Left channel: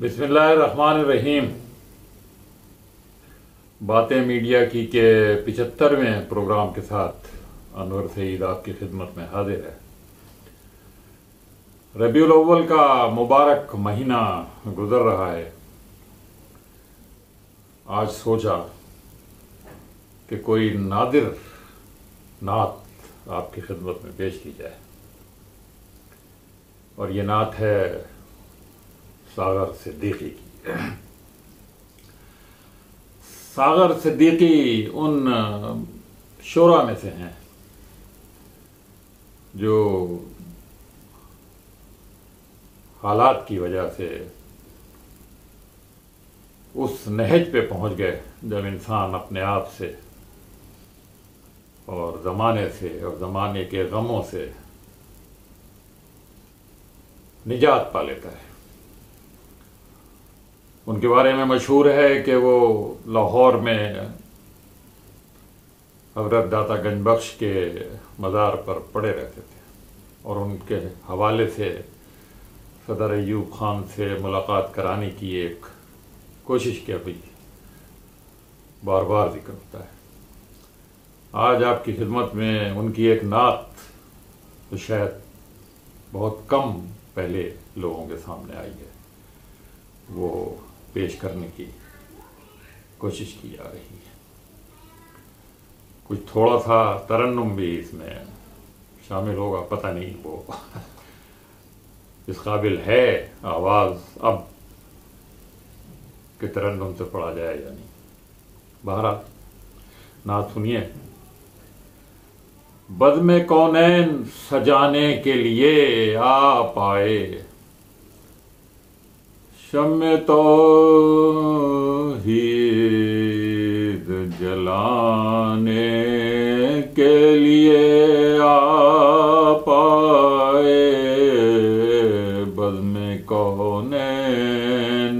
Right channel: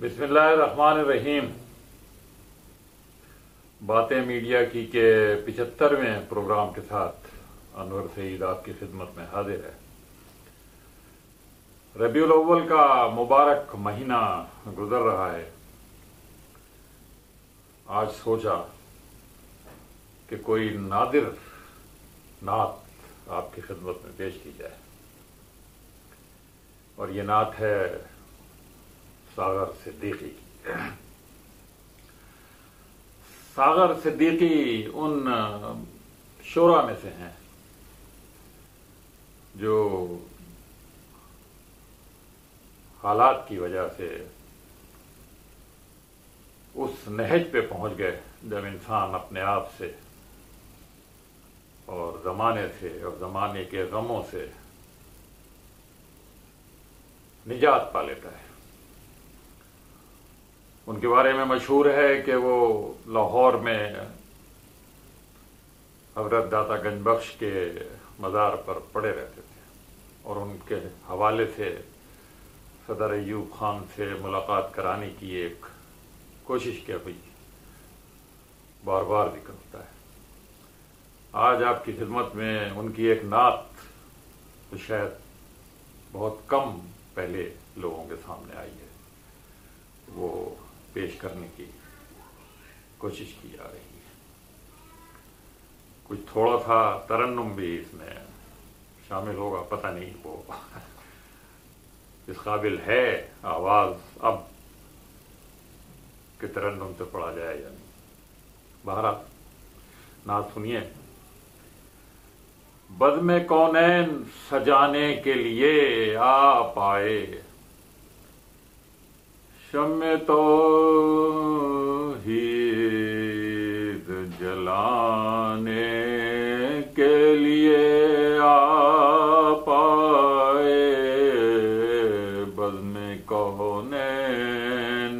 بسم اللہ الرحمن الرحیم۔ باتیں میڈیا کی کے 75ویں پروگرام کے ساتھ انور سعید آپ کی خدمت میں حاضر ہے۔ ربیع الاول کا مبارک مہینہ گزر رہا ہے۔ آج سوچا کہ کوئی نادر نعت آپ کی خدمت میں پیش کی جائے، اور یہ نعت ہے ساغر صدیقی کی۔ ساغر صدیقی ان شعراء میں سے ہیں جو حالات کی وجہ سے اس نہج پہ پہنچ گئے جب انسان اپنے آپ سے اور زمانے سے اور زمانے کے غموں سے نجات پا لیتا ہے۔ ان کے بارے میں مشہور ہے کہ وہ لاہور میں حضرت داتا گنج بخش کے مزار پر پڑے رہتے تھے، اور ان کے حوالے سے صدر ایوب خان سے ملاقات کرانے کی ایک کوشش کی گئی، بار بار ذکر ہوتا ہے۔ آج آپ کی خدمت میں ان کی ایک نعت تو شاید بہت کم پہلے لوگوں کے سامنے آئی ہے، وہ پیش کرنے کی کوشش کی جا رہی ہے۔ کچھ تھوڑا سا ترنم بھی اس میں شامل ہوگا، پتہ نہیں وہ اس قابل ہے آواز اب کہ ترنم سے پڑھا جائے یا نہیں۔ بہرحال نعت سنیے۔ بزم کونین سجانے کے لیے آ پائے، شمع توحید جلانے کے لیے آ پائے، بزم کونین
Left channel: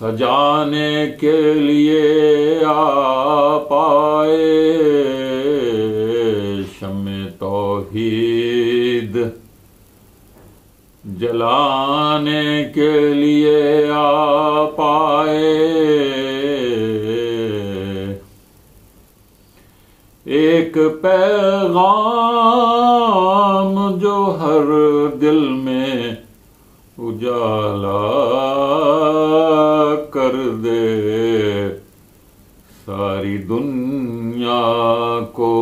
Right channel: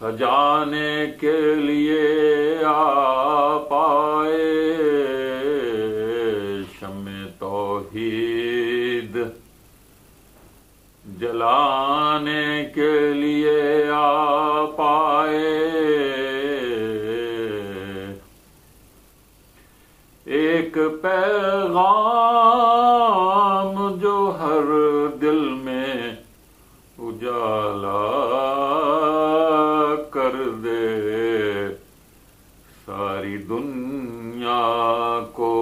سجانے کے لیے آ پائے، شمع توحید جلانے کے لیے آ پائے، ایک پیغام جو ہر دل میں اجالا کر دے، ساری دنیا کو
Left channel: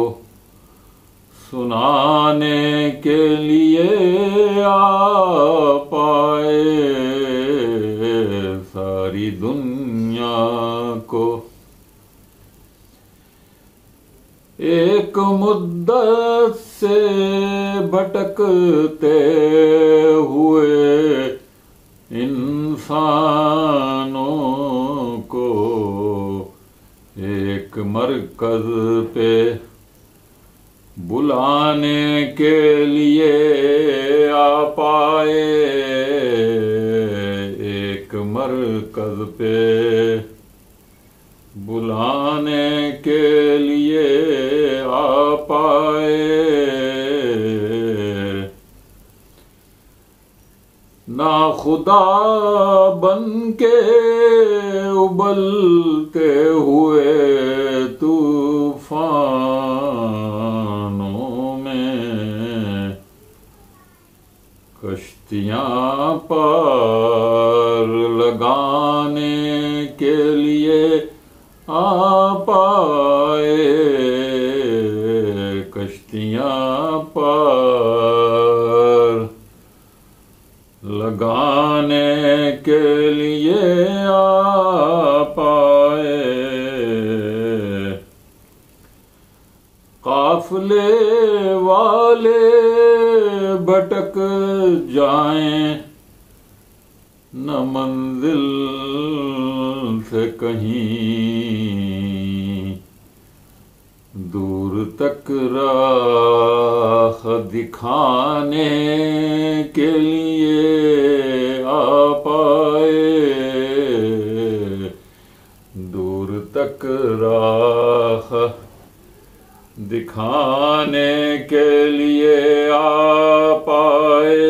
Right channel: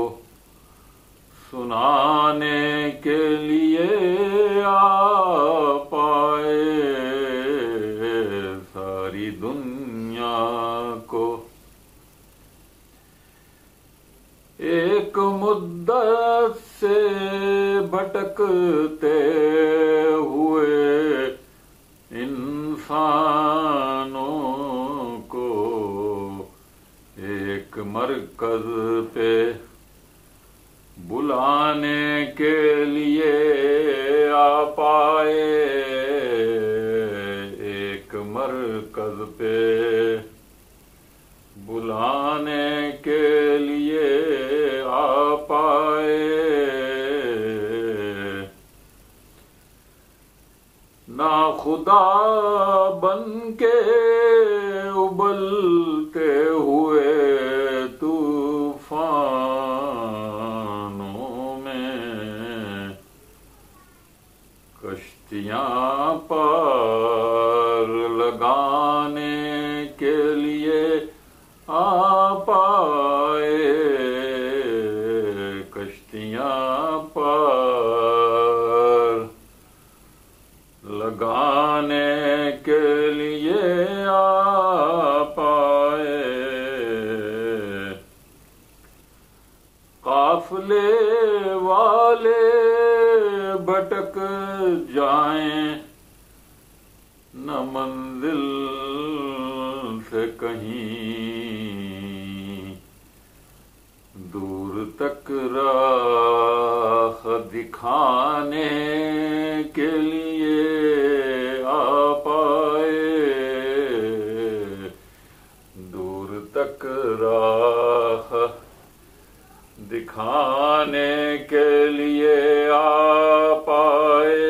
سنانے کے لیے آ پائے، ساری دنیا کو۔ ایک مدت سے بھٹکتے ہوئے انسانوں کو ایک مرکز پہ بلانے کے لیے آ پائے، ایک مرکز پہ بلانے کے لیے آ پائے، ناخدا بن کے ابلتے ہوئے طوفانوں میں کشتیاں پار لگانے کے لیے آ پائے، کشتیاں پار لگانے کے لیے آ پائے، قافلے والے بھٹک جائیں نہ منزل سے کہیں دور تک راہ دکھانے کے لیے آ پائے، دور تک راہ دکھانے کے لیے آ پائے،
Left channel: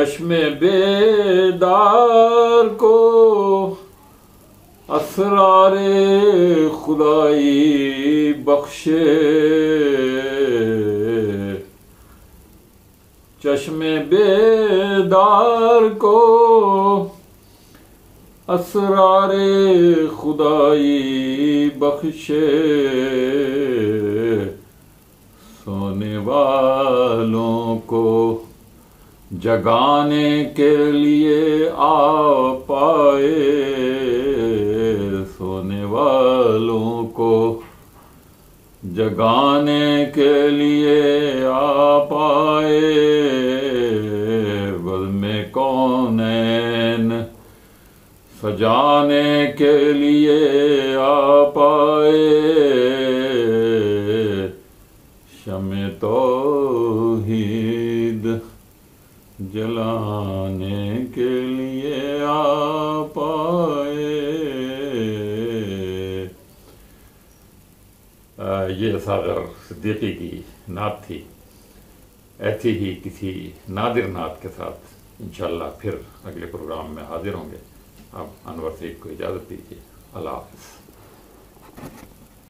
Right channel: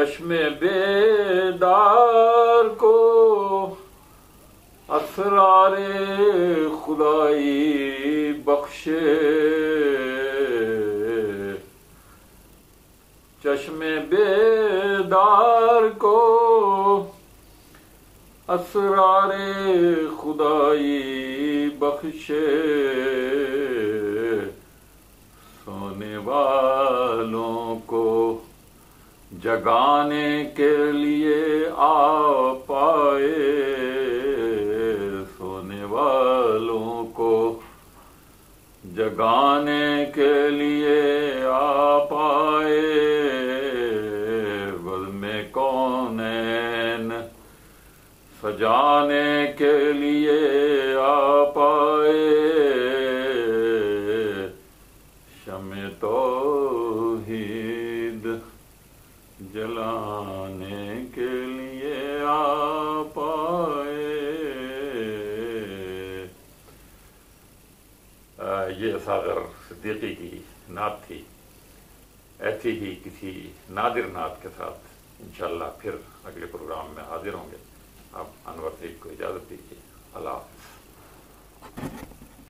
چشم بیدار کو اسرار خدائی بخشے، چشم بیدار کو اسرار خدائی بخشے، سونے والوں کو جگانے کے لیے آ پائے، سونے والوں کو جگانے کے لیے آ پائے، بزم کونین سجانے کے لیے آ پائے، شمع توحید جلانے کے لیے آ پائے۔ یہ اصغر صدیقی کی نعت تھی۔ ایسی ہی کسی نادر نعت کے ساتھ انشاءاللہ پھر اگلے پروگرام میں حاضر ہوں گے۔ اب انور سعید کو اجازت دیجیے، اللہ حافظ۔